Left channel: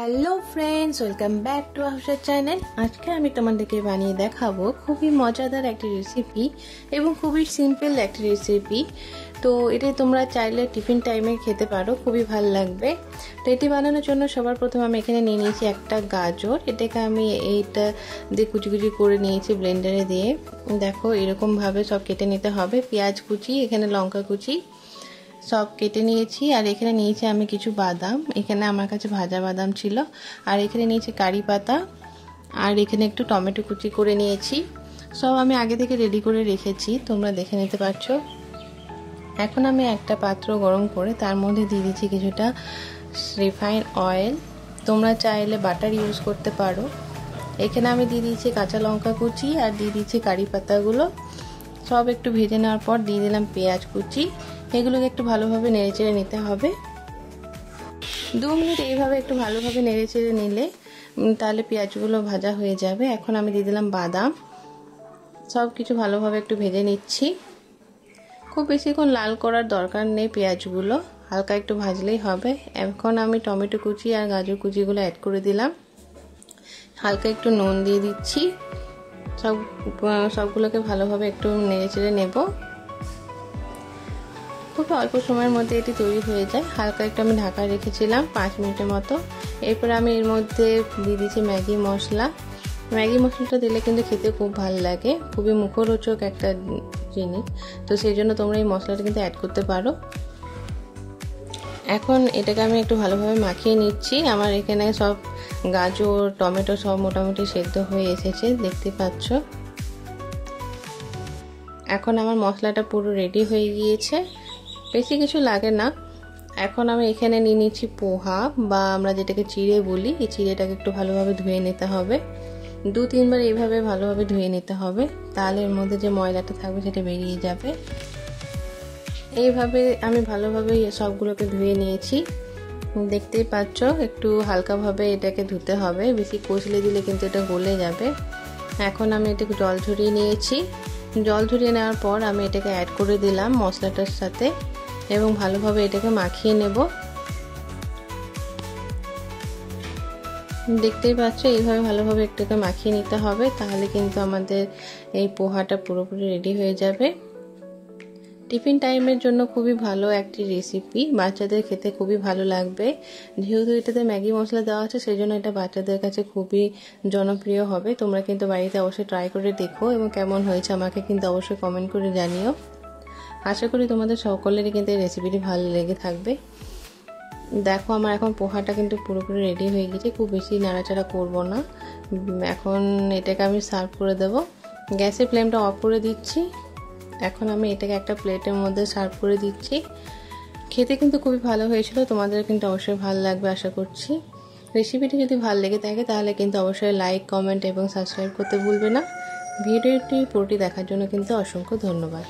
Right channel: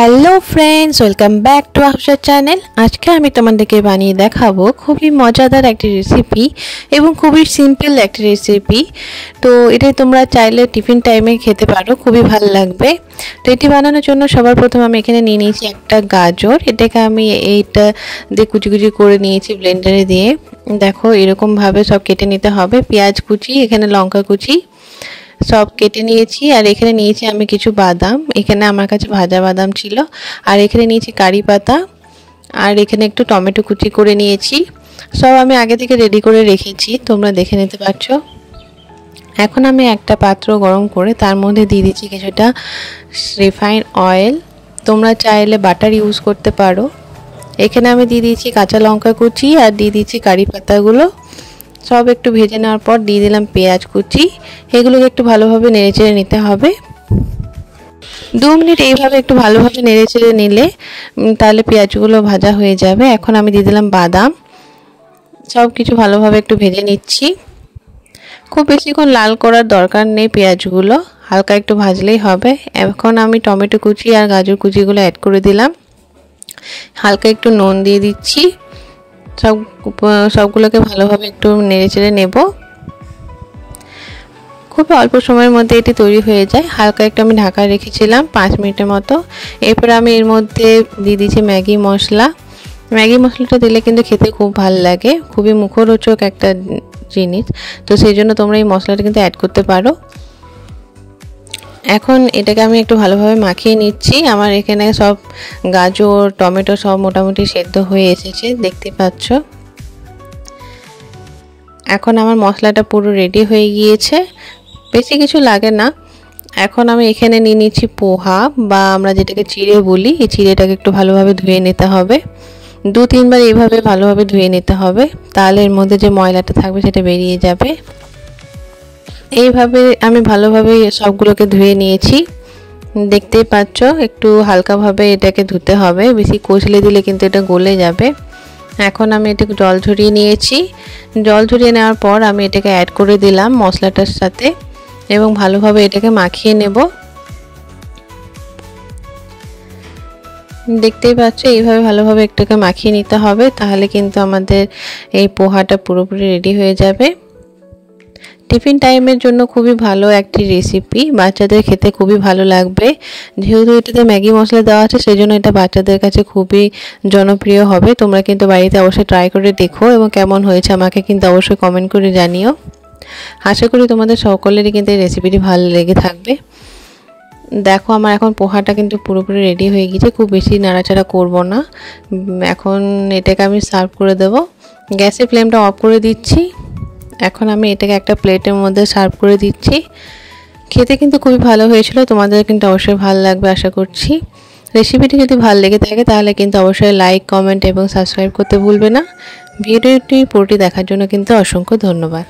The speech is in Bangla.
Hello friends, welcome back to Afsar channel. আজকে আমি তোমাদেরকে বানিয়ে দেখাবো খুবই মজাদার একটি রেসিপি এবং খুবই সিম্পল একটি রেসিপি। তো এটা তোমরা চাইলে টিফিন টাইমে খেতে পারো, খুবই ভালো লাগবে। তো এটি বানানোর জন্য সবার প্রথমে আমি এখানে নিয়ে নিয়েছি একটা গাজর। এটাকে আমি এইটা দিয়ে কুচি কুচি করে নিয়েছি ব্লেন্ডারে দিয়ে। দেখো এরকমভাবে সব কেটে নিতে হবে। পেঁয়াজ কুচি, এখানে লঙ্কা কুচি সব কেটে নিয়েছি। আর এখানে নিয়েছি আমি কিছু বাদাম, এখানে আমার কাছে ভাজা বাদাম ছিল। আর এখানে নিয়েছি কারি পাতা, আর এখানে একটু টমেটো কুচি করে নিয়েছি। সব আমি আগে থেকে রেডি করে রেখেছি, তোমরা দেখে নিতে পারছো। এখন আমি একটা পাত্র গরম করে তার মধ্যে দিয়ে দিচ্ছি কিছুটা রিফাইন অয়েল। তোমরা চাইলে বাটার ইউজ করতে পারো। এখানে আমি দিয়ে দিয়েছি কাঁচা লঙ্কা কুচি আর দিয়ে দিচ্ছি কারি পাতাগুলো। সব একটু ভেজে নেওয়ার পর দিয়ে দিলাম পেঁয়াজ কুচি। এগুলোকে একটু ভালোভাবে নেড়েচেড়ে নিতে হবে। 2 মিনিট এইভাবে একটু ভালোভাবে নেড়েচেড়ে নিলে তাহলে পেঁয়াজগুলো ভাজা হয়ে যাবে। এখন আমি দিয়ে দিলাম বাদাম। সব কিছু ভালোভাবে একটু ভেজে নিচ্ছি। খুব বেশিক্ষণ লাল করার দরকার নেই, পেঁয়াজগুলো হালকা একটু ভাজলেই হবে। এখন আমি টমেটো কুচি আর গাজর কুচিগুলো অ্যাড করে দিলাম। হালকা একটু নুন দিয়ে দিচ্ছি। সবগুলোকে ভালোভাবে একটু নেড়েচেড়ে নেব। খুব অল্প সময়ের মধ্যে এটি তৈরি হয়ে যায়। হালকা একটু আমি ঢাকা রেখেছিলাম 5 মিনিটের মতো। এরপর আমি এর মধ্যে দিয়ে দিচ্ছি ম্যাগি মশলা। ম্যাগি মশলাটা দিলে কিন্তু খেতে খুব ভালো লাগে, খুবই মুখরোচক একটা জিনিস। তো সেই জন্য তোমরা এই মশলাটা কিন্তু অ্যাড করতে পারো। এখন এটাকে আমি একটু ভালোভাবে মাখিয়ে নিচ্ছি। আমার এখানে সব গাজর টমেটো সব মোটামুটি সেদ্ধ হয়ে এসেছে, দেখতে পাচ্ছ। এখন আমার মশলাটা পুরো রেডি হয়ে গিয়েছে, বেশি কিছু লাগে না। এখন আমি এখানে নিয়ে নিচ্ছি পোহা, বা আমরা যেটাকে চিড়ে বলি। এই চিড়েটাকে একটু ভালোভাবে ধুয়ে নিতে হবে। 2-3 বার এইভাবে ভালোভাবে ধুয়ে নিতে হবে, তাহলে এর মধ্যে যে ময়লাটা থাকবে সেটা বেরিয়ে যাবে। এইভাবে আমি ভালোভাবে সবগুলোকে ধুয়ে নিয়েছি, দেখতেই পাচ্ছ। একটু হালকাভাবে এটাকে ধুতে হবে, বেশি কষলে দিলে কিন্তু এটা গলে যাবে। এখন আমি এটাকে জল ঝরিয়ে নিয়েছি। জল ঝরিয়ে নেওয়ার পর আমি এটাকে অ্যাড করে দিলাম মশলাটার সাথে এবং ভালোভাবে এটাকে মাখিয়ে নেব। দেখতেই পাচ্ছ, এইভাবে ভালোভাবে এটাকে মাখিয়ে নিতে হবে, তাহলে কিন্তু আমাদের এই পোহাটা পুরোপুরি রেডি হয়ে যাবে। টিফিন টাইমের জন্য খুবই ভালো একটি রেসিপি, বাচ্চাদের খেতে খুবই ভালো লাগবে। যেহেতু এটাতে ম্যাগি মশলা দেওয়া আছে, সেই জন্য এটা বাচ্চাদের কাছে খুবই জনপ্রিয় হবে। তোমরা কিন্তু বাড়িতে অবশ্যই ট্রাই করে দেখো এবং কেমন হয়েছে আমাকে কিন্তু অবশ্যই কমেন্ট করে জানিও। আশা করি তোমাদের সকলেরই কিন্তু এই রেসিপিটি ভালো লেগে থাকবে। দেখো আমার এখন পোহাটা কিন্তু পুরোপুরি রেডি হয়ে গেছে, খুব বেশি নাড়াচাড়া করব না। এখন এটাকে আমি সার্ভ করে দেব। গ্যাসের ফ্লেমটা অফ করে দিচ্ছি। এখন আমি এটাকে একটা প্লেটের মধ্যে সার্ভ করে দিচ্ছি। খেতে কিন্তু খুবই ভালো হয়েছিল, তোমাদের কিন্তু অবশ্যই ভালো লাগবে আশা করছি। রেসিপিটি যদি ভালো লেগে থাকে তাহলে কিন্তু অবশ্যই লাইক কমেন্ট এবং সাবস্ক্রাইব করতে ভুলবে না। ভিডিওটি পুরোটি দেখার জন্য কিন্তু অসংখ্য ধন্যবাদ।